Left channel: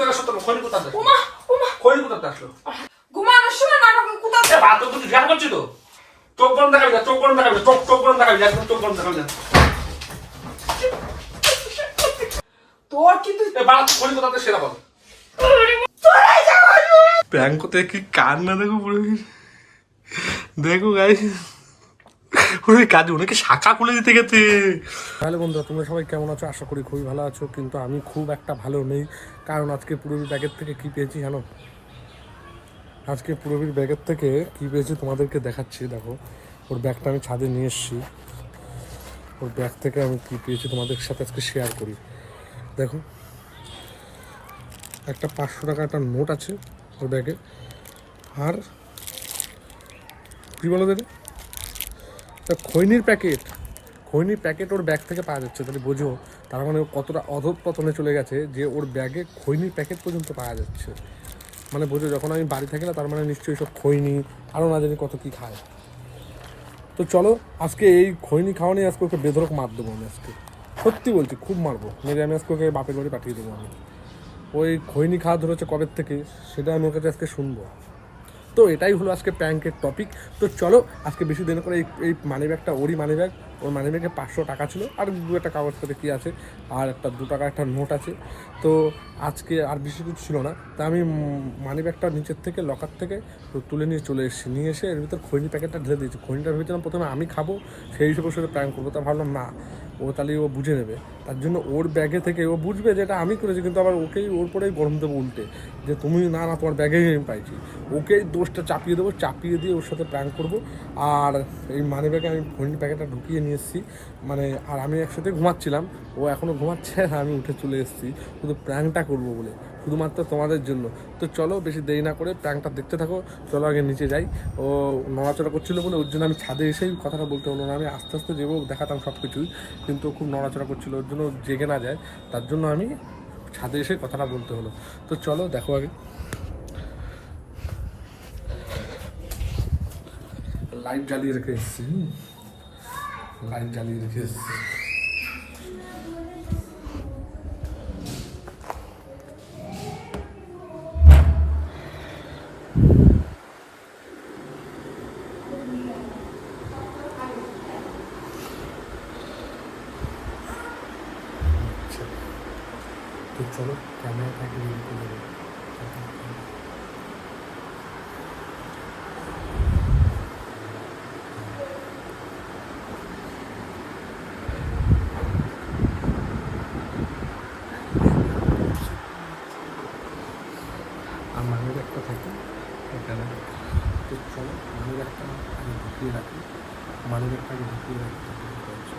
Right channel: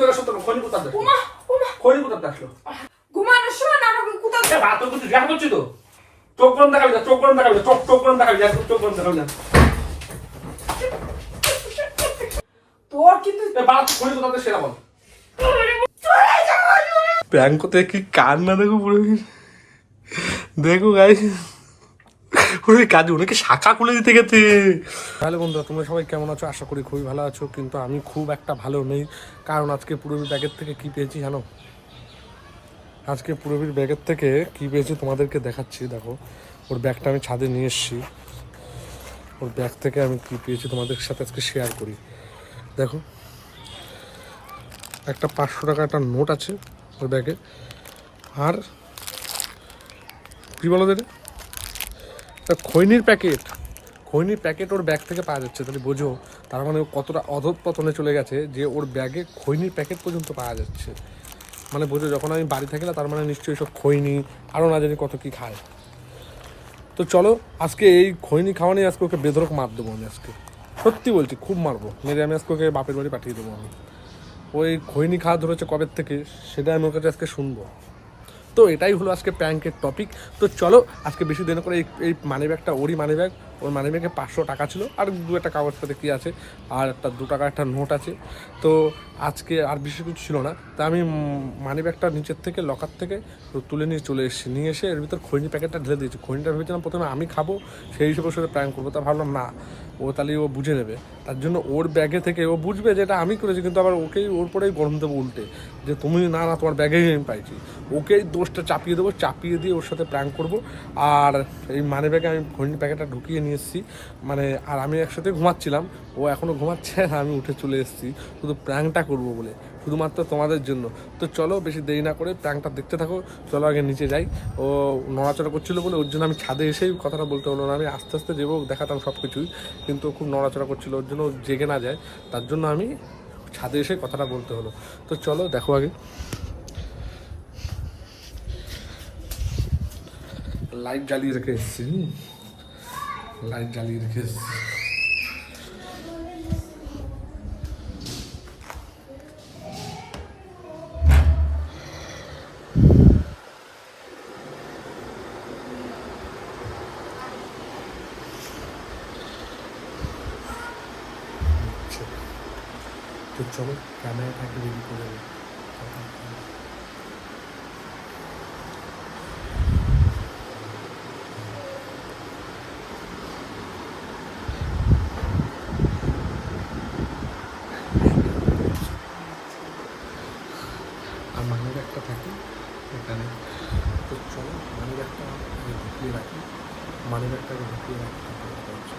থেকে সত্য খনি কোথা থেকে উমা উমা। খনি কোথা থেকে আসলো? ঘুমানোর সময় নাটক জিজ্ঞাসা করছি তো? চোখ গরম দেখাবি না চোখ গরম দেখাবি না চোখ চোখ গরম দেখাবি না চোখ গরম দেখাবি না। তোর কিন্তু এ বাড়া খনি কোথা থেকে সেরা বল। প্র্যাঙ্ক কি কান্না দেখো পুরো দেখো গাইস ওরে কাজে ওনাকে শাখা খুলে দিতে গেছে তাহলে বন্ধুরা, তোমরা সবাই কেমন আছো? আশা করি খুবই ভালো আছো, কিন্তু আমি খুব একটা ভালো নেই, কারণ আজকে পুরবীর ব্যাগের থেকে কি পেয়েছি জানো? আজকে পুরবীর ব্যাগের থেকে কি পেয়েছি তোমাদেরকে দেখাচ্ছি, দেখো। ওর ব্যাগটা আমি ছাদে নিয়ে এসেছি। ওর ব্যাগ থেকে আমি কি পেয়েছি তোমাদের সাথে আজকে শেয়ার করি। দেখো, একটা পাঁচশো টাকা একটা নোট আছে ওর ব্যাগে। আর কী বলো দিদি খৈনির প্যাকেট খৈনির প্যাকেট ওর ব্যাগ থেকে পাওয়া যাচ্ছে তাহলে বোঝো। তার মানে ও কতটা অধঃপতনে চলে গেছে যে ওর ব্যাগে খৈনির প্যাকেট পর্যন্ত পাওয়া যাচ্ছে। মানে বোঝো, যখন আমি বাড়ি থাকি না তার মানে নিশ্চয়ই সব খৈনি, আরও না জানি কত কী খায়। তো চলো, আজকে এই খৈনি খাওয়া নিয়ে আজকে ওকে বেধরক মার দেবো আমি আজকে। সত্যি বলছি, খুব মারবো। মেরে আমি আজকে ওকে বাপের বাড়ি পাঠিয়ে দেবো আমি। ওই খৈনি খাওয়া ধরেছে কবের থেকে, সেটা আমি ওর কাছে আজকে শুনব। তো এটাই হলো আজকে প্র্যাঙ্কের টপিক তো চলো, আজকে বেশি দিন করে এই মানি ব্যাগটা ওরই মানি ব্যাগ ওর মানি ব্যাগে পাঁচশো টাকা ছিল। আর দু একটা কাগজ সাথে কী আছে? আর একটা দু টাকা একটা নোট আছে। তো আজকে আর বেশি কিছু ছিল না। তা আমি মানি ব্যাগটা নিচের থেকে লকার থেকে তুলে নিয়ে চলে এসেছি। নিয়ে এসে এর ভিতর খৈনি প্যাকেটটা ঢেলে দিয়েছি। খৈনিটা ভেবেছিলাম প্রথমে আমি খাব, সেই হিসেবে সাথে প্র্যাঙ্ক করব। তা ভাবলাম না, ও তাহলে ও বুঝে নেবে। তার জন্য ওর ব্যাগে থেকে ও বুঝবে যে এটা আমি করেছি, কিন্তু আবার ওকেই, ওর পরেই গরম দেবো উল্টে। যে তুমি না না, তোমার ব্যাগেই আমি পাইছি। ওকেই দোষটা চাপিয়ে দেবো, চাপিয়ে দিয়ে ওর সাথে প্র্যাঙ্ক করব। আর এই মানি ব্যাগে আমি খৈনি প্যাকেটটা ঢুকিয়ে নিয়ে এসেছি। মানে আর আমি একসাথে ঘুমাচ্ছিলাম। ও এখনও ঘুমাচ্ছে আর আমি উঠে চলে এসেছি। শুধু প্র্যাঙ্কটা করব বলে, শুধুমাত্র তোমাদের জন্য। তো চলো, বেশি দেরি না করে প্র্যাঙ্কটা দেখতে থাকো। চলো আগে নিচে যাই। ও নড়াচড়া করছিল বলে ওর জন্য আমি ছাদে এসেই কথাটা বলতে হলো না। আমি আস্তে আস্তে যাব, দেখাতাম সব কিছুই কিন্তু খুব নড়াচড়া করছিল, ওর জন্য জেগে না যায়। তার জন্য আমি ছাদে এসে কথাটা বলতে হলো। তো চলো, দেখো আগে। লাইট জ্বালিয়ে রেখে এসেছি। লাইট জ্বালিয়ে রেখে এসেছি আচ্ছা। তো চলো ক্যামেরাটাকে রিল করে দেবো। আর মানি ব্যাগটা থাকে এখানে তো চলো মানি ব্যাগটা আগে ঢুকিয়ে রাখি মানি ব্যাগটা আগে ঢুকিয়ে রাখি তারপরে বলছি।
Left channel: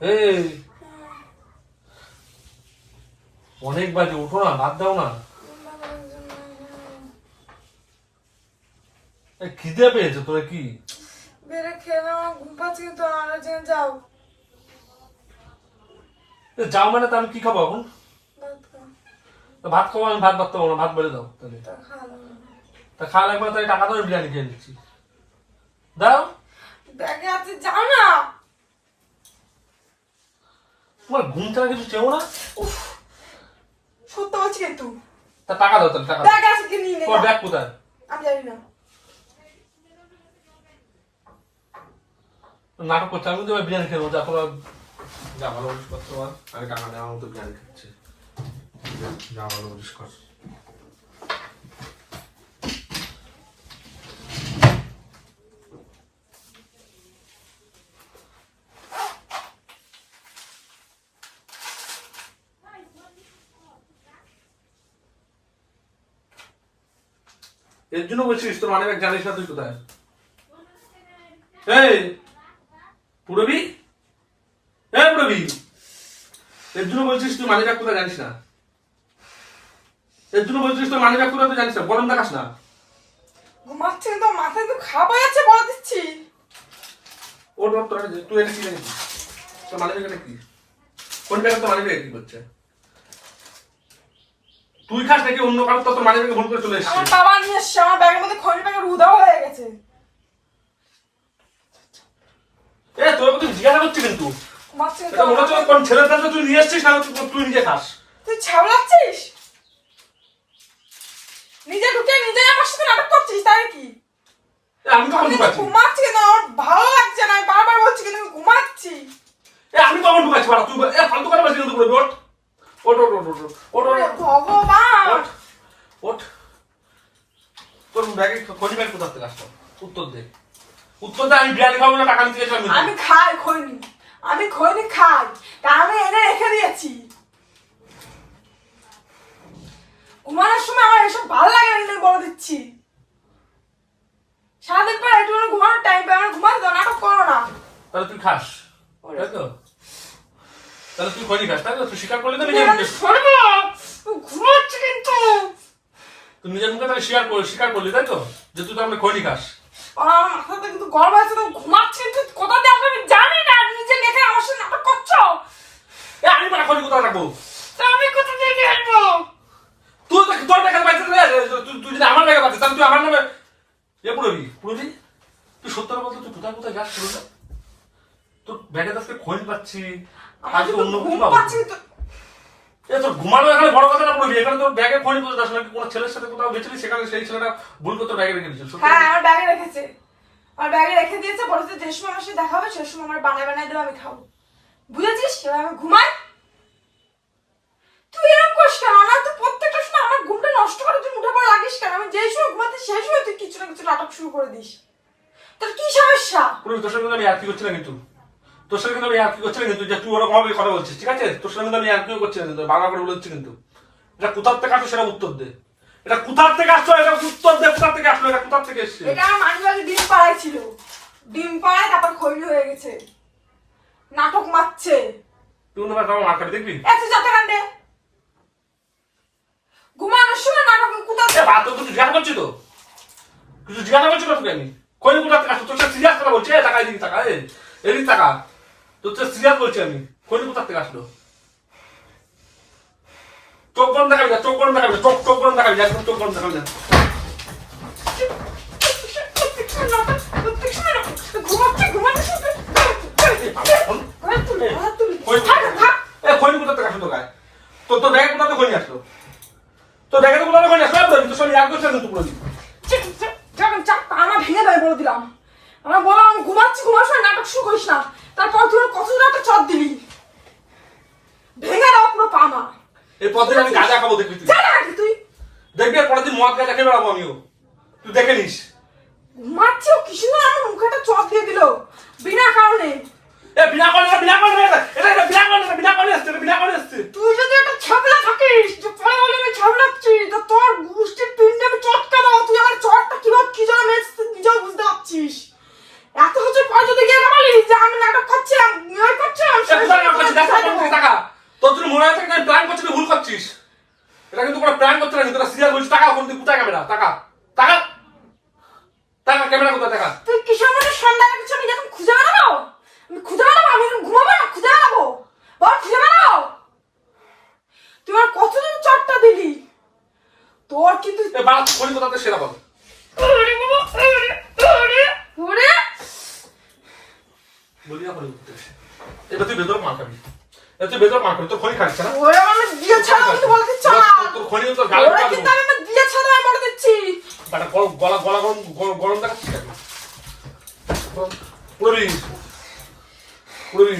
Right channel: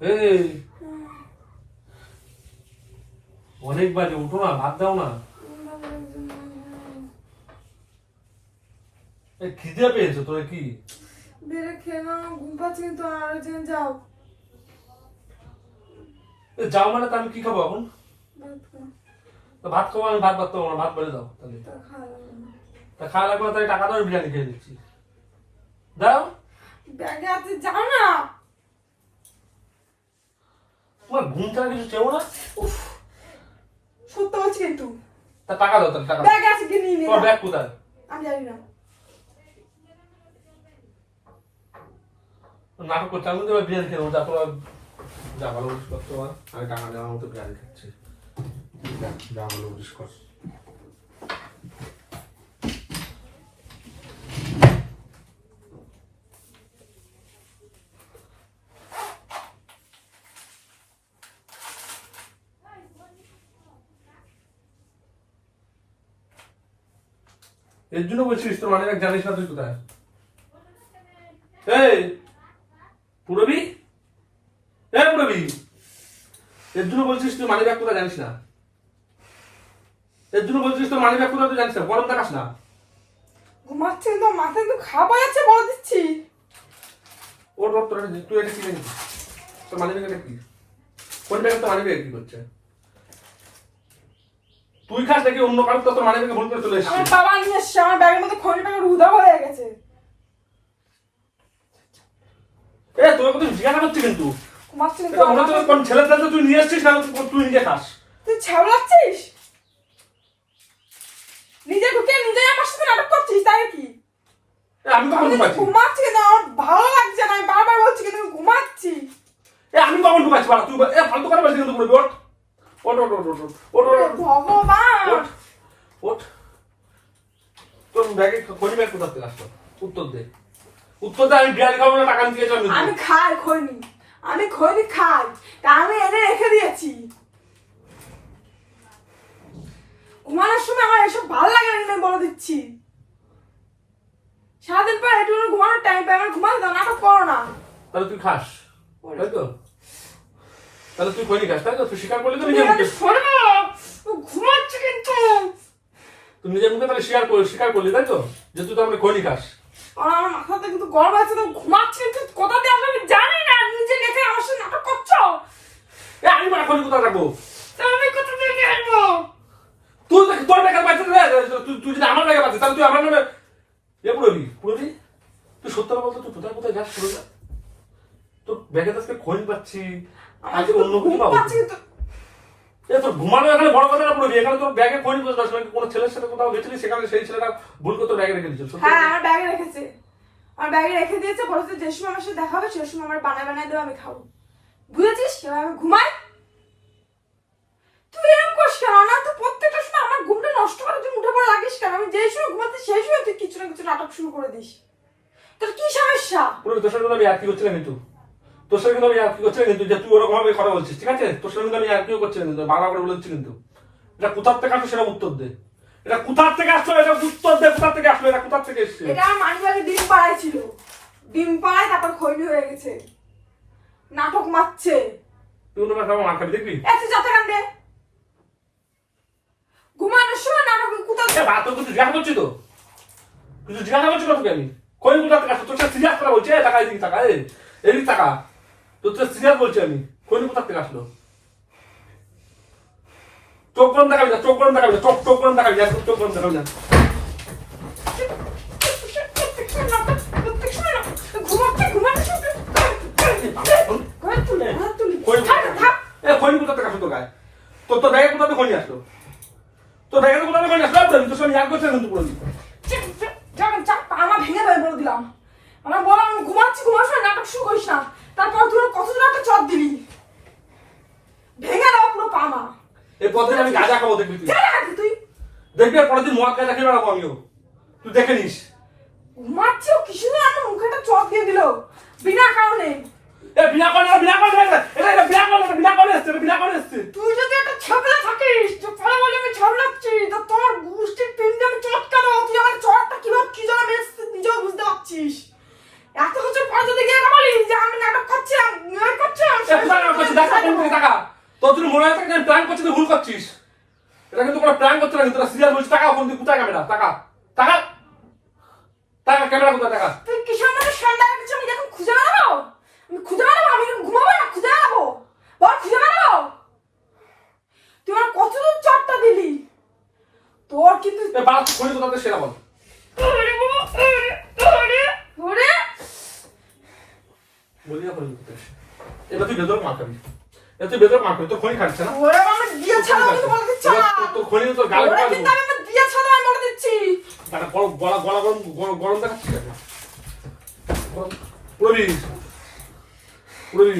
এই। অনেক বাজে উঠো না ভাত দাও না। খিদে পেয়েছে তোরা কি? বেড়ে খেয়ে নাও ঘুম পাচ্ছি কিন্তু যেন যাও। যাও মানে তা আমি কি খাব এখন? ভাত খাব। আমি ভাত ভাত খাব ভাত বেড়ে দাও তাহলে। তা খাওয়া লাগবে না। তাই টাকা দাও বিরিয়ানি খেয়ে নিচ্ছি। দাও ব্যাগে আছে যাও না। তোমার ঘুম ছাড়া কিছু চেও না? সত্য বলছি কিন্তু। তা টাকা দাও তাহলে টাকা। ব্যাগ আছে কি নিয়ে নে তোমার। ব্যাগ কোথায়? আমি জানি না। নাটক করছে আমি তো বিরিয়ানি খেয়ে নেব যা তোরা যা ভালো করতে পার আমি টাকা নেওয়ার মতো বিরিয়ানি খাচ্ছি। যা ভালো কর। এর জন্য বলছিস তোর মানে ব্যাগ জানিস না তুই কোথায়? এই পুরবি? এই পুরবি এর জন্য বলছিস তুই মানে ব্যাগ কোথায় জানিস না? এর জন্য বলছিস তোর মানে ব্যাগ কোথায় তুই জানিস না? গরম দেখাস না। ঘুমাচ্ছি কিন্তু মাথায় কিন্তু খাবার আছে বলে দিচ্ছি। ওর তোর তুই এটা কি জানিস? তোর মানে কি? কোন ব্যাগ তোর মানে ব্যাগ কি করছে? তুই খাস নাকি অন্য কারোর তো তোর ব্যাগে ভুল করে চলে এসছিস? আমার বাবা নিয়ে এসছে আমার ব্যাগের মধ্যে খড়ি ব্যাগের উধাও হয়ে গেছে। এ তোর কথা জিজ্ঞাসা করছি কিন্তু। মনে হচ্ছে কোন ছেলের কাছে তুই নিয়ে এসছিস না তুই- নিজে খাস। তুই ছাবলাচ্ছিস নিজে ঢুকে নিজে আমার সাথে নাটক করছিস তাই কি আমি কখন ঢুকাচ্ছি ঘুমাচ্ছি? কিন্তু আমার ভালো লাগছে না আমি বারবার বলছি কিন্তু ঘুমাচ্ছি। এ আমি কখন ঢুকাচ্ছি বাড়া তুই এ ফালতু কথা বলছিস কিন্তু পুরো ওঠ ওঠ ওঠ ওঠ ওঠ ওঠ। ওঠ ওরে ভগবান! ওঠ। ওঠ তোর ব্যাগে খনি ব্যাগ কোথা থেকে আসলো? উত্তর দে। উত্তর দে আমি বিরিয়ানি খাব না টাকা নিতে গেছিলাম আমি খাই খৈনি। আমি খৈনি খাই। তা আমি এনে রেখে দিয়েছি। ঘুমানোর সময় আমার এসব ভালো লাগে না বলে দিচ্ছি। সারাদিন পর একটু ঘুমানোর টাইম পাই আমার ঘুমাতে দাও নাটক করো না। তাহলে তুই খাস। তাই তো? তাহলে তুই খনি খাস তাই তো তুই স্বীকার করলি তো তুমি নিজের মুখে। শোনো না। ও ঘুমাচ্ছে কিন্তু। তুই নিজের মুখে তাহলে স্বীকার করলি স্বীকার করলি তাই তো? যে তুই তো আমরা খনি খাস আর আমার মাথাতে কিন্তু গরম আছে তো ঘুমাচ্ছি কিন্তু কোথা দিয়ে আমি জানি না। নিজে দেখে আমার সাথে নাটক করছ? এ আমি মানে খনি কোথায় রাখব? তা আমি কোথা থেকে আসব তুই দেখ তোর ব্যাগের পাইতে তুই তুই যদি আমার ব্যাগে পাচ্ছিস তাহলে তুই আমার নামে এ পুরবি পুরবি তুই সত্য কথা তুই কোথায় কোথায় যাস তোর ব্যাগে আজকে খোঁজ পাচ্ছি। আজকে অন্য কিছু পাবো। তোর ঘুমানো এখানে বড় কথা না পুরবি এখানে তোর ব্যাগে খোঁজ পাচ্ছিস আসলে। কোনো ছেলের সাথে কোথাও গেছিলি? সেখানে সেই ছেলেটা ভুল করে ব্যাগে রেখে দিয়েছিল। হ্যাঁ আমার ব্যাগে রেখেছে। আমার ব্যাগে রেখে দিয়েছে। বলেছে যে সময় আমার সাথে দেখা হবে সেই সময় আমার বানায় বানায় দেবে আমি খাব। বুঝেছিস? আমি ঘুমাই। তুই এরকম করিস কেন? না তুই প্রত্যেকটা সময় আমার ঘুমটা নষ্ট করার জন্য উঠে পড়ে লাগিস কেন? আমি যেই সময় ঘুমাতে সেই সময় তুই কিছু না কিছু নাটক শুরু করে দিস। তোর কি সমস্যা? পুরবি তোর কিন্তু আমি আর কি করছি না কিন্তু? তোর সাথে কিন্তু আমি আর কি করছি কিন্তু যে তুই ওরকম ভাবে কথা বলছিস ঠিক আছে? তোর সঙ্গে কিন্তু আমি আর কিও করছি কিন্তু বাংলা করে বলছি কিন্তু। এটা কোথার থেকে আসলো সেটা উত্তর দে। এটা কোথার থেকে আসলো এটা উত্তর দে কোথার থেকে আসলো এটা কোথার থেকে এসছে? এটা আমার মানুষ আগে ডিম পাড়াই ছিল। ডিম পাড়াই তারপর খৈনি হয়ে গেছে। নাটক মারছে। তুই অন্য মাথা মার খাবি দেখবি? এত যাতে কান্দে ঘুমানোর সময় নাটক কোথাও এ বাত তো কিছু জিজ্ঞাসা করছি তো? কিছু জিজ্ঞাসা করছি না তোকে আমি? কই কোথা থেকে আসলো? তোর সাথে সিরিয়াস কথা বলছি? টাকা এদিকে টাকা এদিকে টাকা তোর সাথে সিরিয়াস বলছি আমি। কই কোথা থেকে আসলো? চোখ গরম দেখাবি না, চোখ গরম দেখাবি না, চোখ চোখ দেখাবি না চোখ দেখাবি না। তোর তোর তোর তোর তোর তোর আমার বলে আমি ঘুমাচ্ছি সময় নাটক শুরু করিস না। তারপর তুই কত একটা চট দিলি? ভেঙে দাও পুরো পা এই পথে আমি গাঁজা খাব দেখবি তুই। জানা তুই। দেখবি আর পরের দিন মদ গাঁজা খেয়ে বেড়াবো আমিও। তুই দেখে নিস। ঘুমাচ্ছি ও কিছু না আমার মুখে একটা চট দিয়ে দিল। বিনা কারণে। এ বিনা করে বিনা করে এটা এটা বিনা করে বিনা করে এসছে এটা বিনা করে এসছে। তুই যদি একটা ছাবলা থাকিস তো পরে বলে আমি ছাবলাচ্ছি তো তোর গোষ্ঠীর পিণ্ডে আমি চটকা দাও তুই আমার চটটা কীভাবে কি মেরেছিস তুই নিজেও বুঝতে পারছিস। এত কিছু পর যদি গিয়ে বলি যে আমি নাটক করছিলাম কোথায় টাকা। তোর তুই মনে আমি প্ল্যান করছিস ভুল করছিস। এটা কিন্তু কোনো প্ল্যান না কিন্তু বলছিস টাকা কোন দিকে কোথায় ক্যামেরা টাকা? টাকা? টাকা ক্যামেরা কোথায় টাকা? তুই কিসের মধ্যে সন্ধ্যার কিছু আমি যখন খুঁজে বেড়াবো? আমি খুঁজে বেড়াবো? আমি এখন ঘুমাবো না খুঁজে বেড়াবো? বল খুঁজে বেড়াবো? তুই আমার কতদিন চটটা দিলি? তোর কিন্তু এ বাড়া তুই খনি কোথাতে সেরা বল। ওরে। বলি না এবার তুই ভেতর মার খাবি। এবার তুই মার তোর খনি খাচ্ছে না? ওরে আমি ছাড়া কিন্তু বলে দিচ্ছি তোর- খনি তোর গালে ওরে কিন্তু আমি ছাড়া আমি বলে দিচ্ছি। তারা গরম গলা গলা গরম গরম- দেখাচ্ছিস কেন? পুরবি পুরবি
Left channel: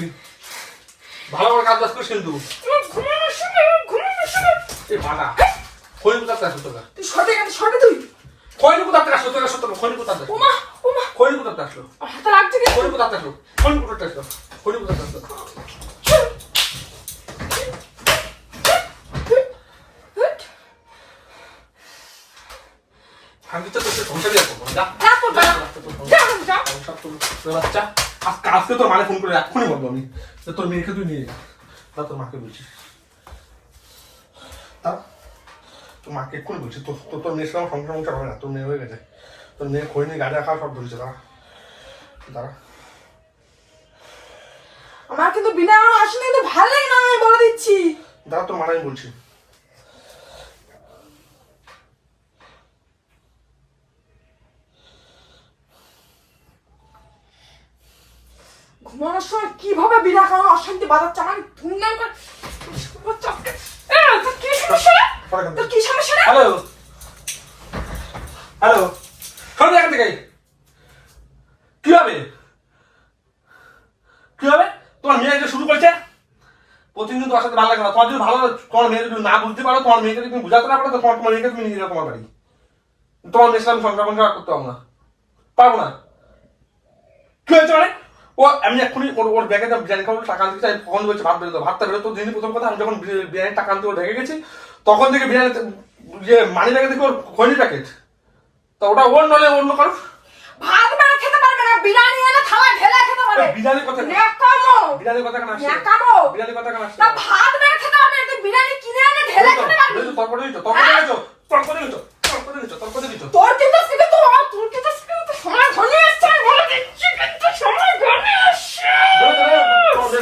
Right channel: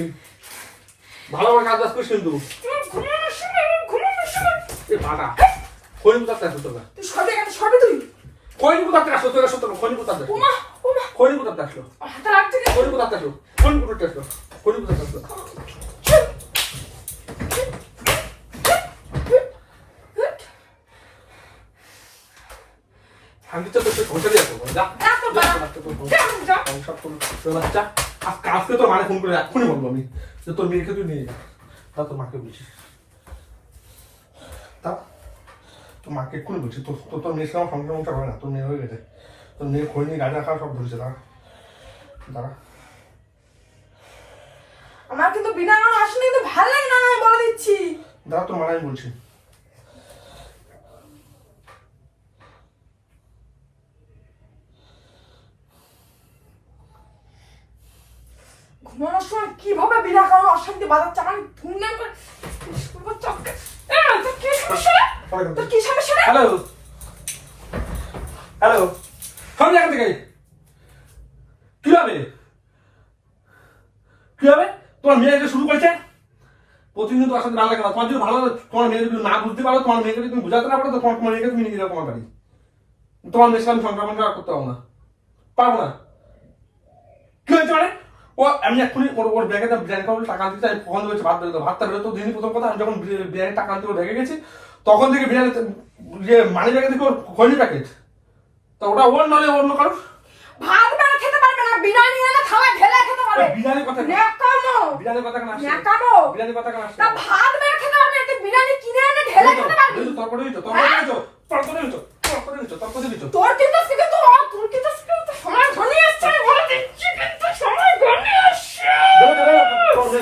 ভালো করে কাজ বাজ করিস কিন্তু। ঘুমানোর সময়, ঘুমানোর সময়। এ বাড়া খনি আসলো তোরা? সরবি তুই? খনি কোথাতে আসলো তোরা সত্য খনি কোথাতে আসলো। ওমা, ওমা, খনি কোথাতে আসলো। হাতে লাগছে। খনি আসলো খনি আসলো খনি আসলো। আমি তো তোর দিয়ে করব তোর তোর বাচ্চা। আজকে আজকে তোর মানে ফোন করে এক্ষুনি বলব আমি তোর মেয়েকে তুই নিয়ে যা তোর মাকে বলছি। তা তোর মাকে এক্ষুনি বলছি তোর তোর তোর মেয়ের সঙ্গে সংসার মংসার হবে না তোর মেয়ে হয়ে গেছে। তোর মেয়ে খই নিয়ে গাঁজা খাওয়া সব ধরেছে আমার কিন্তু বিনা কারণে আসলে কিন্তু ভালো লাগে না আমি বলে দিচ্ছি। দাঁড়া তোর মারাই বলছি। ঘুমানোর সময় কীভাবে বিনা কারণে অশান্তি বাজাচ্ছে আমার ধুমধাম করে কি সমস্যা? তোর কি সমস্যা হ্যালো। হ্যালো। শোন এখান থেকে কি হবে? কি হবে? তোমার মেয়ে শুরু করেছে? প্রতিদিন তোমার সাথে ভালো লাগে না। তোমার যদি ভালো তোমার মেয়ে যদি না বুঝতে পারো তোমার মেয়েকে তুমি বুঝাতে না পারো তোমার তোমার মেয়েকে তুমি নিয়ে যাও তোমার বাড়ি। তোমার মেয়ের সাথে আমি সংসার সংসার করতে পারব না। পারব না। কি হয়েছে মানে? ও আমি এক্ষুনি ওর ওর ব্যাগে খাব টাকা আনতে চাই কখন বলছে ভাত বেরোতো ভাতটা বেরোতো দিনই প্রথম কথা আমি যখন বিরিয়ানির টাকা আনতে ওর ব্যাগে গেছি তখন থেকে বিরিয়ানি যে মানি ব্যাগে দেখি ওর খৈনি প্যাকেট তা ওটা ওর নলে অন্য কারও ভাত বেড়ে খেতে পারবে না বিরিয়ানি এনে থালায় ঢেলে খেতে পারবে বিরিয়ানির কথা ন্যাকামো বিরিয়ানির কথা কেন আসছে ন্যাকামো বিরিয়ানির কথা কেন আসছে না ভাত বেড়ে খেতে পারবে না বিরিয়ানি কিনে এনে ঢেলে খেতে পারবি তরকারি দিচ্ছ তরকারি দিচ্ছ তরকারি দিচ্ছ তরকারি দিচ্ছ তরকারি দিচ্ছ তোর কিন্তু আজকে তো তোর কিন্তু আজকে তো সময় আসছে আমি বলে দিচ্ছি কিন্তু সময় ঘনিয়ে আসছে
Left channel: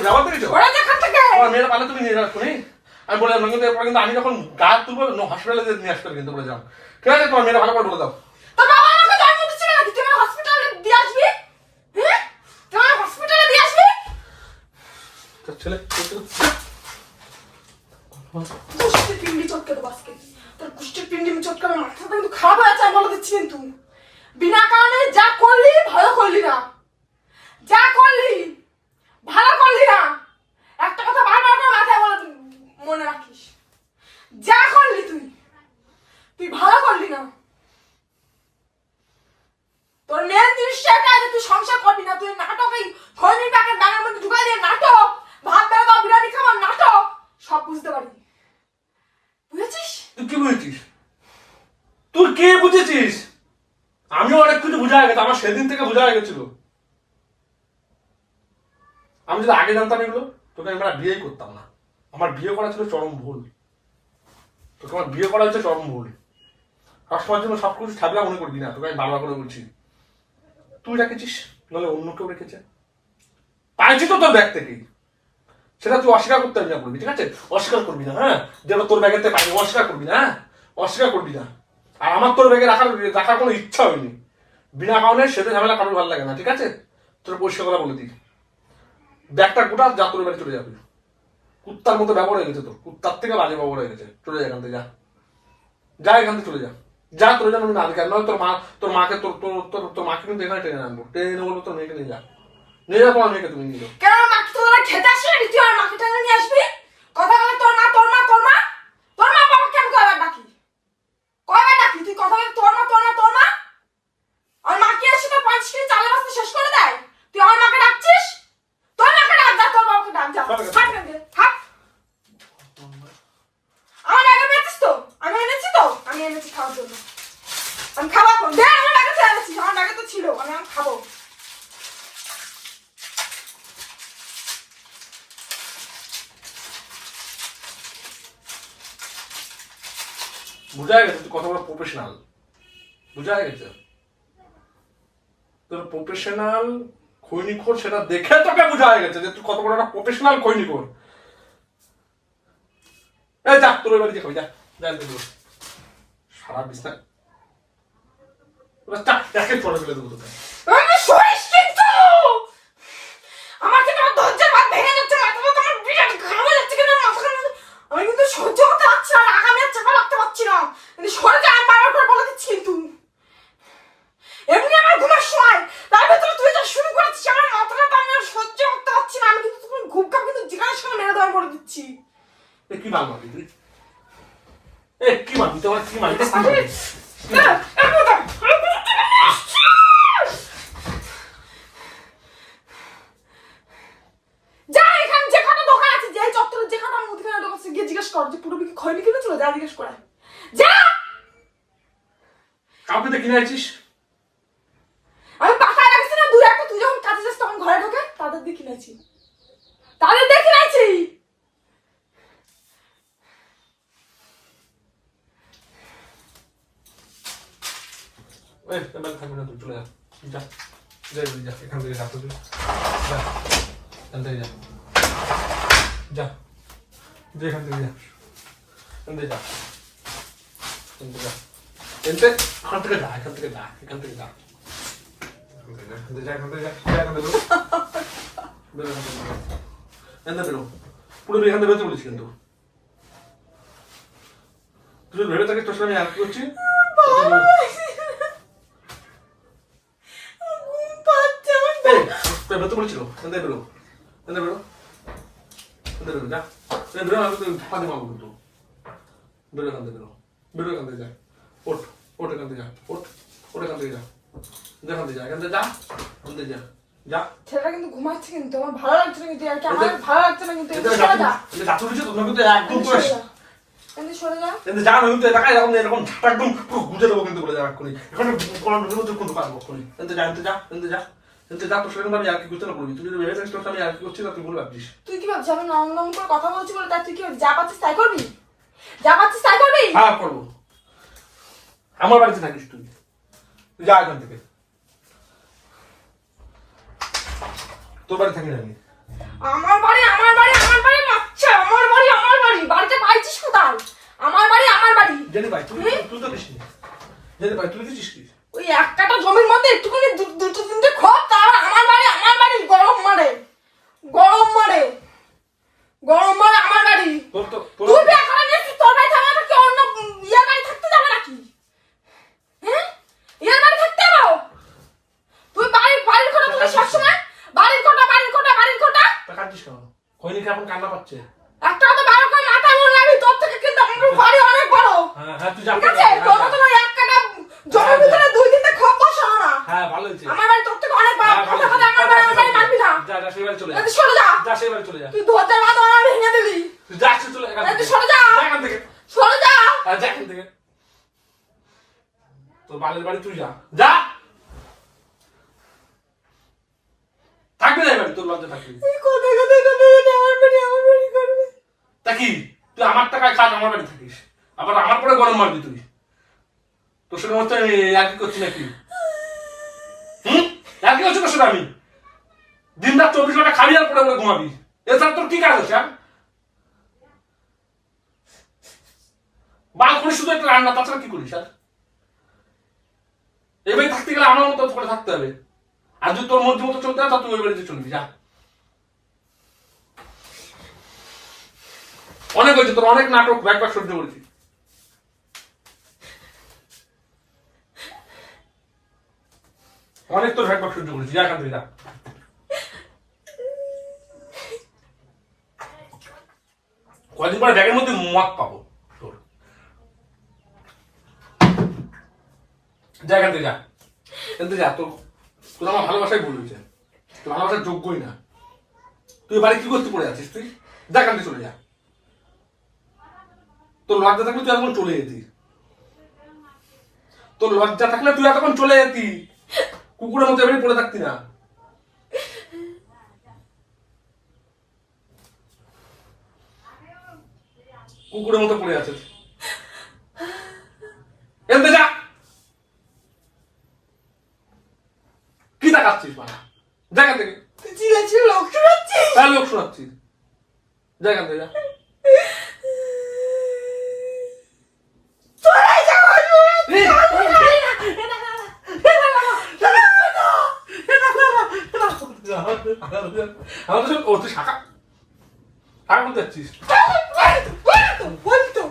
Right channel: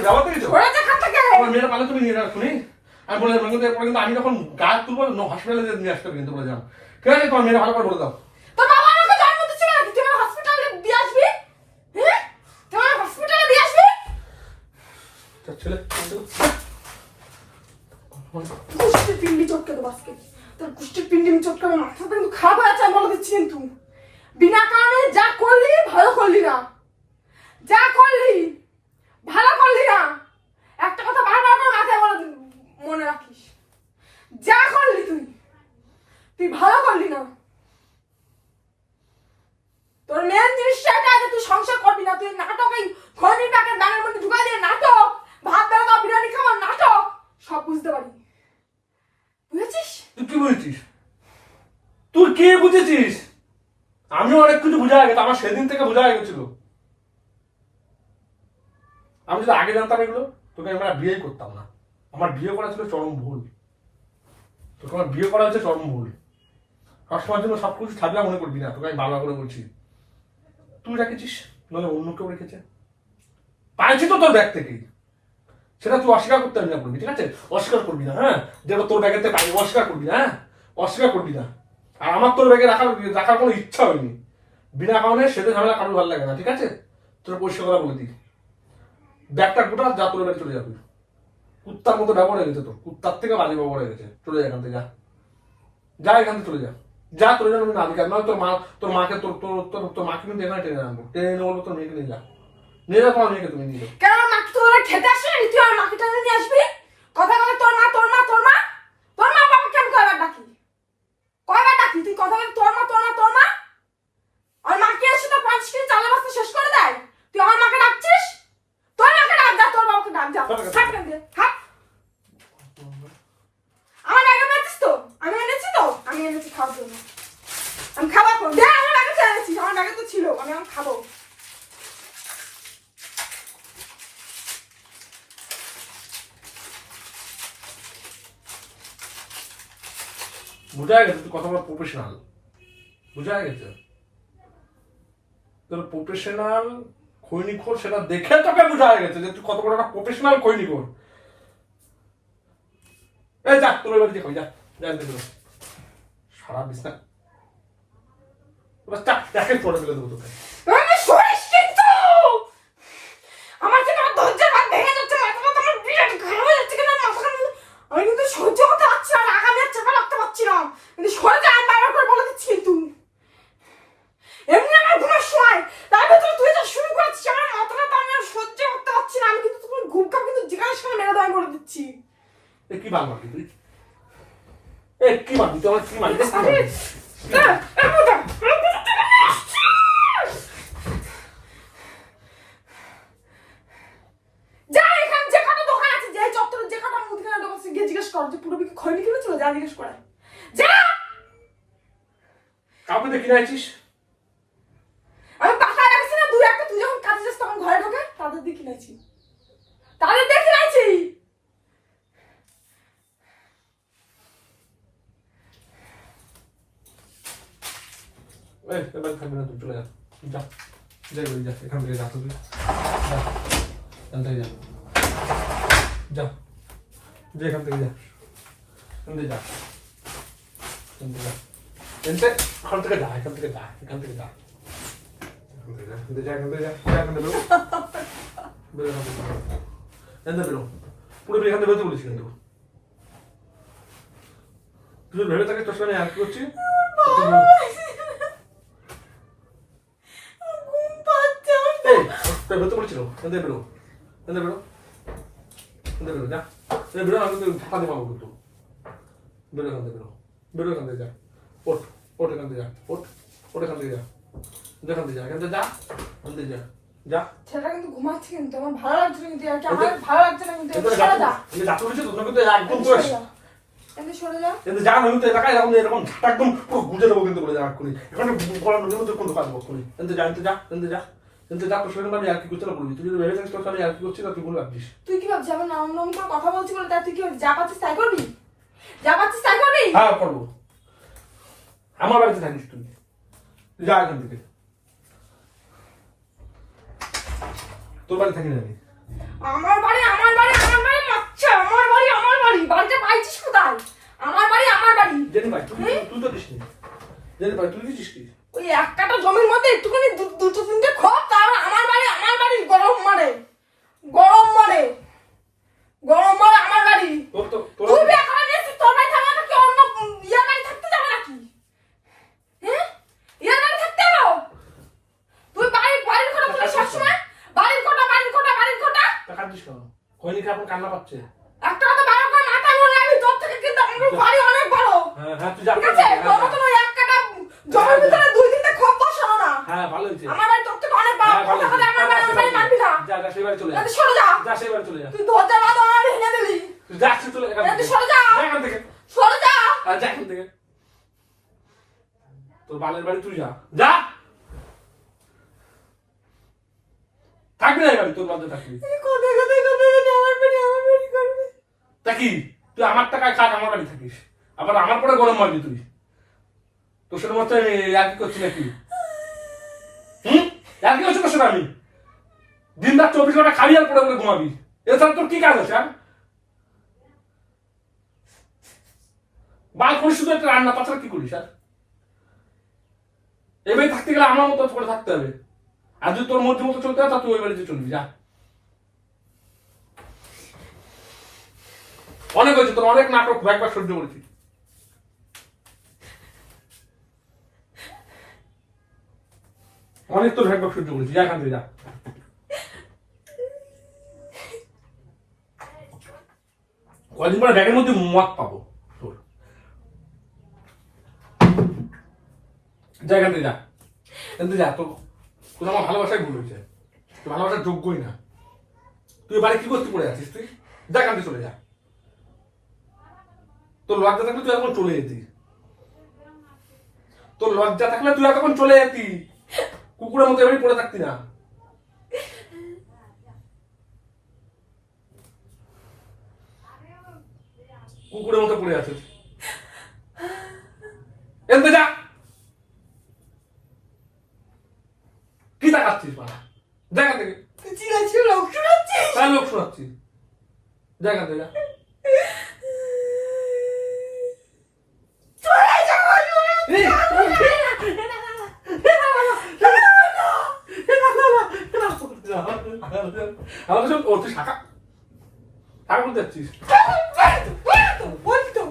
ব্যবহার দেখেছ ঘোরা দেখা থেকে আমার মেয়েরা পালে তুমি নিয়ে রাখো আমি বলে দিলাম কিন্তু এরপর কিন্তু আমি যখন গা তুলবো হসপিটালে নিয়ে আসতে কিন্তু বলে যাও ঠিক আছে তোমার মেয়েরা ভালো করে বলে দাও। ছেলে কুষ্টির পিন্ডি চটকে দেবো আজকে। তোর কুষ্টির পিন্ডি আমি চটকানো মাথাটা কিন্তু খারাপ হয়ে আছে আমি বলে দিচ্ছি কিন্তু। বিনা কারণে যা করলি ভালো করলি না। যা করলি ভালো করলি না। একটা কথা বারবার করে মাথায় বলে মনে রাখিস। যা করলি তুই তুই ভালো করলি না। তোর মেন জিনিসটা এটা যে তুই সংসার করবি না, তুই নাটক এই খনির প্যাকেট মধ্যে দিয়ে নাটক, ভাত বেরোতো বিরিয়ানি খাবার নাটক, সব বুঝতে পারি। বুঝেছিস? তুই কি বুঝেছিস? তুই কে বুঝেছিস? আমি অনেক কিছু বোঝা গেছে, আমার সেদিন থেকে বোঝা গেছিল। আমি যদি আগে জানতাম এগুলো, তোকে আমি আর বিয়েই করতাম না। আমার বিয়ে করা ছিল চরম ভুল। তোকে আমার বিয়ে করা হচ্ছে চরম ভুল। সবসময়ের জন্য সব কিছু ছাড়লা মনে করবি না, তোকে আমি বারবার করে বলছি। তুই রেখেছিস? নাহলে অন্য কেউ রেখেছে। পাইছি তো তোর ব্যাগ থেকেই। সেটা তুই অস্বীকার করতে পারবি না করবি ঠিক আছে? অস্বীকার করবি না হ্যাঁ? যে এবার তোর ব্যাগেতে পাই অস্বীকার করবি না হ্যাঁ? অস্বীকার করবি না। আর আমার তোর ব্যাগে রাখার রাখার কোনো ইচ্ছা হয়নি। বিনা কারণে সেটা ঝামেলা কারোর ভালো লাগে না, ঠিক আছে? তোর পরিষ্কার করা বলে দিই। ব্যাগটা গোটা যা তোর ব্যাগে চলে যাবি। কুত্তার মতো ব্যবহার হয়ে গেছে তো কুত্তার থেকে বাজে ব্যবহার হয়ে গেছে। চলে যা এখান থেকে যা। যা এখান থেকে চলে যা। যা তোর জন্য না নয় তোর মা তোর মাকে তোর তোর তোর তোর মাকে কিন্তু এখানে টেনে আনব। টেনে এনে বলব তোর মেয়েকে নিয়ে যা। নিয়ে যা তোমার মেয়েকে তুমি নিয়ে যাও। কেন মাকে তো ওরা খেতে আসে না তুই আমার মাকে টানে নিয়ে আসবি? কথা বলে তোর মা তোর মা তোর মা? তোর মা বাবা কেন কয়বার ডাকি? কয়বার ডাকি? তুই কথা বলে তোর মা তোর মা তোর মা? আর মাকে এসে তো পাঁচ কেজি চালের শেষ করে দেয়? তুই আমার মাকে ডাকছিস? তোর মাকে ডাক যা তোর বাবাকে ডাক যা আছে। হাট কেন দে, হাট আমার আগে পেয়েছিস তো আমি এনেছি তো আমি এনেছি খাওয়ার জন্য। আমি খাওয়া দে, আমার এনেছি, আমার তো ছিল, আমি আমি খাব। বুঝা গেছে, তুই প্রফেশনাল বুঝা গেছে? তোর প্রফেশনাল সেটা দেখে তোকে বুঝা গেছে যে তুই কত বড় একটা প্রফেশনাল খৈনিখোর যা, তোর এবার খাবি, যা যা বেরো। সারা বিছনা দেখেন পরে ফেলে দেবো তোকে আমি সরিস কিন্তু আমার থেকে আমার ধৈর্যের বাদ ভেঙে যাচ্ছে মাথা মাথা আমার বিরাট ঘাম হয়ে যাচ্ছে কেন মাথা ঘাম আমি কিন্তু সহ্য করতে পারছি না আর আগামী আর চাপা রাখতে পারছি না কিন্তু সরে যা আমি বারবার করে বলে দিচ্ছি কিন্তু এমনি আমার ঘুমের সময় তার ভেতরে তুই যা শুরু করেছিস আমার মাথাটা তো আমি আর সহ্য করতে পারছি না আমি কিন্তু তখন ঘুম কাপ কিন্তু জিজ্ঞাসা সময় মেরে দেওয়া বলে দিচ্ছি এ কি মাল মারবি তুই এ কি মারবি তুই আমার কি মারবি কি মারবি হ্যাঁ, এর মধ্যে, এর মধ্যে থেকে নিয়ে আসছি। যা এখানে যে কটা দোকান আছে যে চত্বরে যে কটা মুদিখানা দোকান আছে গিয়ে জিজ্ঞেস কর যে পুরো বিক্রি খয়নি কিনেছিল যা জিজ্ঞেস করে যা কাউকে দিয়ে কিনে আছিস আমি পাকায় রাখছি না দুই একটা তুই যখন কাজে যাস তখন ঘরে ঢোকে তাদের দিয়ে কিনেছি তাদের দিয়ে কিনেছি এই এবার থাকবে না চলে যা। যা যাই যা এখান থেকে যা তুই যা এখান থেকে যা। যা যা এখান থেকে যা। এখান থেকে যা এখান থেকে যা। এনতে এখান থেকে যা এখান থেকে যা এখান থেকে যা এখান থেকে যা এখান থেকে যা এখান থেকে বেরো বেরো এখান থেকে এখান থেকে বেরো পুরো এখান থেকে বেরোতে বলেছি কিন্তু তুই যদি ভেবে থাকিস তোর সঙ্গে আর কি করছি ঘুম পাচ্ছে আমার এই, তোর বেরোতে বলেছিল এখান থেকে বেরো এখান থেকে বেরো এখান থেকে বেরো যা এই বেরো আমি তো ফাঁকা দিয়ে মারবো কিন্তু বেরো এখান থেকে বেরো বেরো এখান থেকে যা ওঠ ওঠ এখান থেকে যা ওঠ ওঠ এখান থেকে যা এখান থেকে যা এখান থেকে যা এখান থেকে যা যা ছেলেটা কিন্তু ঘুমাচ্ছে কিন্তু আমার ভালো লাগছে না কিন্তু আমার ভালো লাগছে না কিন্তু এখান একটু থেকে যা তুমি যা তুলেছো তোমরা কিন্তু একদম তো সরে যা এখান থেকে সরে যা কিন্তু যা না কিন্তু এলাকায় এরকম এরকম একদম পুরো গুজে দেবো কিন্তু বলে যা এক্ষুনি এখানে কলার ঢুকে তুই কোন দোকান বক্ষুনি কিন্তু যা কিন্তু যা কিন্তু যা কিন্তু যা তোর সঙ্গে আমি আর কি করতে না বলবি তুই যদি ভেবে থাকিস তোর আমি আর কি করছি না তুই বলে ভাবছিস তুই কি ভাবছিস আমি নরম নরম করে কথা বলছি বলে তা তুই কি যা পাচ্ছিস তাই করবি যা পাচ্ছিস তাই করবি হ্যাঁ করব আমার বাড়িতে থাকিস তুই। তুই যা এখান থেকে। তোর বাড়ি থাকি না আমি আমার বাড়ি আমার বাড়ি আমার বাড়ি মাচ্ছে আমার বাড়ি আমার বাড়ি। বাড়িতে পাইছিস কোথায়? আমার বাড়ি আমার বাড়ি। জেনে পাই তুই তো দিসনি জেনে পাই তুই দিছিস কি? ওই একটা জমির মধ্যে একটুখানি দুটো তিনটে খোপ তার আমার বাড়ি আমার বাড়ি গরম মারে। গরম মারে। গরম মারে আমার বাড়ি। তোর তো তুই বিয়ে করে তোর বাড়ি থাকা অন্য ইয়ের বাড়ি থাকতে যাবে নাকি হ্যাঁ ইয়ের বাড়ি থাকতে যাব তুই বাড়ির বাড়ির সবসময়? বাড়ির কথা বাড়ির কথা বাড়ির কথা টাকা দিস কেন? খৈনিকে এখন কান্না পাচ্ছে। একটা কথা ভালো করে মাথা মনে রাখবি তোর থেকে কিন্তু আমার বাড়ি অনেক বড়। হ্যাঁ হ্যাঁ তুই যা ঠিক আছে? তোর মতন ওই এক কাটা জমির ভিতরে দুই তিনটে খোপ বসানো না। হ্যাঁ ভালো হয়েছে। আমার বাড়ি তোর থেকে অনেক বড় হ্যাঁ কথা কথা আমার বাড়ি আমার বাড়ি মানবি না। যা যা সেই বাড়ি চলে যা। তুই সরে যা। যা সেই বাড়ি চলে যা। তুই দরজা বাঁধ আমার ভেঙে দিলি। তুই যা চলে এখান তুই সরে যা। যা এখান থেকে। সরে যা। যা এখান থেকে। তোর বালের বাড়ি তুই যা। যা থাকবি না এই বাড়ি তোর বাড়িতে থাকবি তুই আমার তা কি? তুই টাকায় খাস আমার বাড়ি থাকিস। আবার আমার পরে গরম মারবি তুই। তোর সাথে মতো কি করছি নাকি? হুম? আর করছি তোর সাথে আমি? দিন রাত চব্বিশ ঘণ্টা খাবি আর পরে পরে ঘুমাবি। এছাড়া তোর কি কাজ আছে আর বাল করিস শুধু একটা রান্না তাছাড়া কি করিস আর এই বাড়ি থাকতে গেলে আমার মতো করে থাকতে হবে। আর যদি তোর মধ্যে মতো চলতে তা তুই ওই বাড়িতে চলবি, যা। অনেক হয়েছে তোর, অনেক নাটক একবার সহ্য করেছি অনেক তোর একবার সহ্য করেছি যা এখান যা। কদিন পরে ব্যাগের মধ্যে মদ পাবো, তোর। যা এখান থেকে, যা। কিন্তু যা, তোর। তোর আমার ভালোবাসাই ভুল হয়েছে। তোর ভালোবাসার যোগ্যই না। তুই বাড়ি কি করতে পড়ে আছিস তুই? এখান থেকে চলে যা। তোর লজ্জা থাকলে তুই এতক্ষণ চলে যেতি তোর লজ্জা থাকলে তুই এতক্ষণ চলে যেতি কুকুরের মতো এবারে পড়ে থাকতি না। কুকুরের মতো পড়ে আছে এনতে যা। কি দেখাচ্ছিস মারা জায়গা থেকে চিলাচ্ছিস লোক শোনাচ্ছিস তার লোক শোনাচ্ছি জায়গা থেকে যা সব- ও তুই শাখা শাখা বলতে যাচ্ছিস বলতো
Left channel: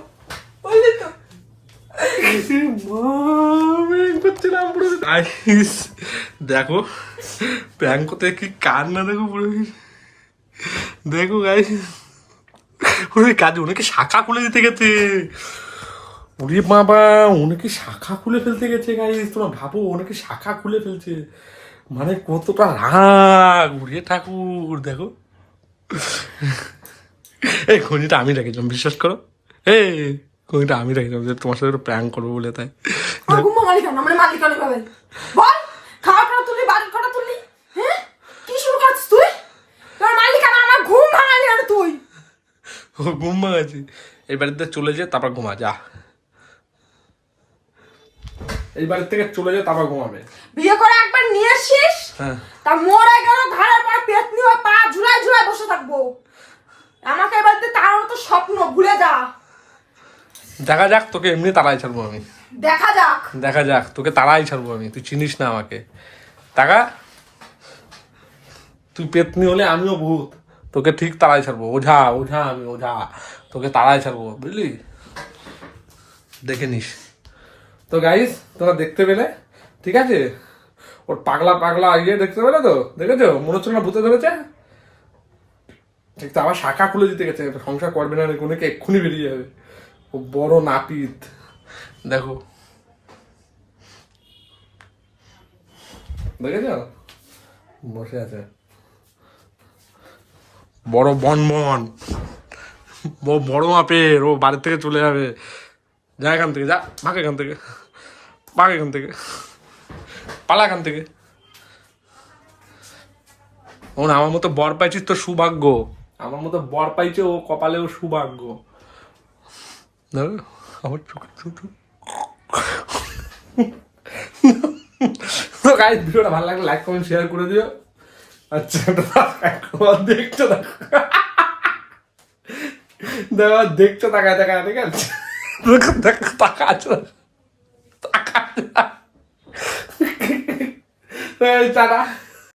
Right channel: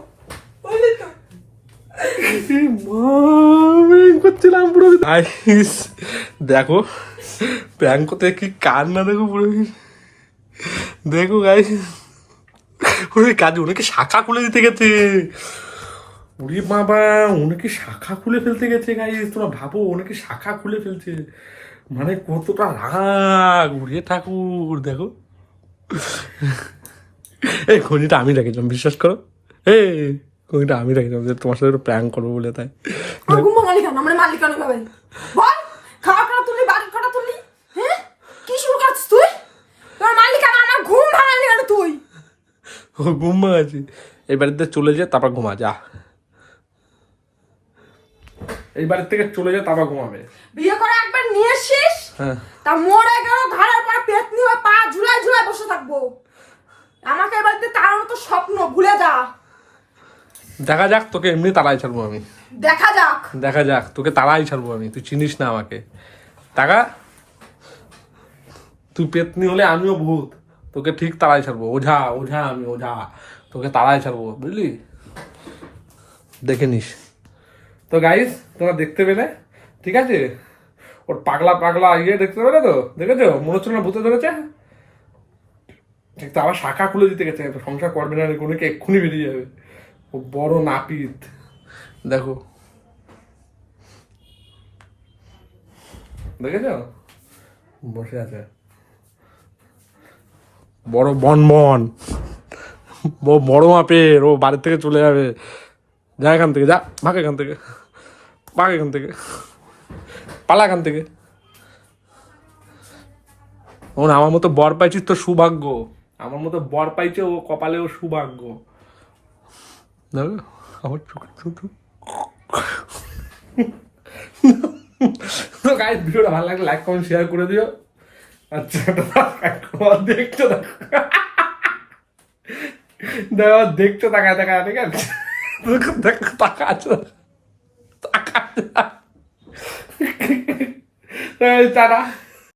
গাইস দেখো প্র্যাঙ্ক করতে কি কান্না দেখো পুরো দেখো গাই ওরে কাজে ওনাকে শাখা খুলে দিতে গেছে। ওরে বাবা, ওনাকে শাখা খুলে ফেলতে গেছে গাই তোমরা ভাবো, ওনাকে শাখা খুলে ফেলছে। মানে কতটা রাগ উড়িয়ে ঠাকুর, দেখো। এই খনিটা আমি রেখেছিলাম, বিশ্বাস করো। এই কোনটা আমি রেখেছিলাম যে তোমার সাথে প্র্যাঙ্ক করব বলে, তাই। আমার ঘুম ভাঙালি কেন? আমার মালিক কেন পাবেন বল। খাওয়া খাওয়া তুললি বাড়ির খাওয়া তুললি হ্যাঁ? কি শুরু করছিস তুই? তোর মালিক কেন আমার ঘুম ভাঙালি কেন তুই? ও ঘুম ভাঙাচ্ছি। এই বাড়িতে চলে যা তারপর ঘুমা যা। এই বাড়ির থেকে চলে যা তারপর ঘুমাবে। বিয়ে করে একবার নিয়ে এসছিস? হ্যাঁ। তা মরে গেল ঘাড়ের পরে পেট নিয়ে পা ঝুলাই ঝুলাই বসে থাকব। আমাকে এবার তার তো স্বপ্ন ভুলে যা। দেখা যাক তোকে এমনি তাড়াই ছাড়বো আমি। দেখা যাক। দেখা যাক, তোকে তাড়াই ছাড়বো আমি, তুই চিনিস না আমাকে। টাকা? তুই পেতনি হলে আমিও ভূত, তোকে ঠিক তাড়াই ছাড়বো, ওঝা ওঝা আমি, ওঝা, তোকে তাড়াই ছাড়বো, বুঝলি? দেখে নিস। তো গাইস তোরা দেখতে পেলে, ঠিক আছে? ওর পাগলা পাগলা ইয়ে দেখতে পেলে তো? দেখেছ? মনে হচ্ছে না ভূতে ধরেছে? তো, আবার শাখা খুলে দিতে গেছে, সংসার করবে না কোনো এক্ষুনি বেরিয়ে যাবে। ও বড় নাপিত। দেখো। দেখেছ? বসে আছে। বড় বন বন বড় মাপের ও বাড়ির থেকে চলে যাবে। যা এখান থেকে যা ভাগ এখান থেকে। ভাগ এখান থেকে। পালা এখান থেকে। ও না আমার মতো বর পাইছিস তো সৌভাগ্য। আমার মতো বর পাইছে ও কপালেও সৌভাগ্য। চোখ চোখ তো গাইস ভিডিওটা ভালো লাগলে লাইক কমেন্ট শেয়ার করে দিও। আচ্ছা দেখছ দেখো দেখো দেখছ তাকায় তাকায়, ঠিক আছে? তাকাচ্ছ তাকাচ্ছ টাটা।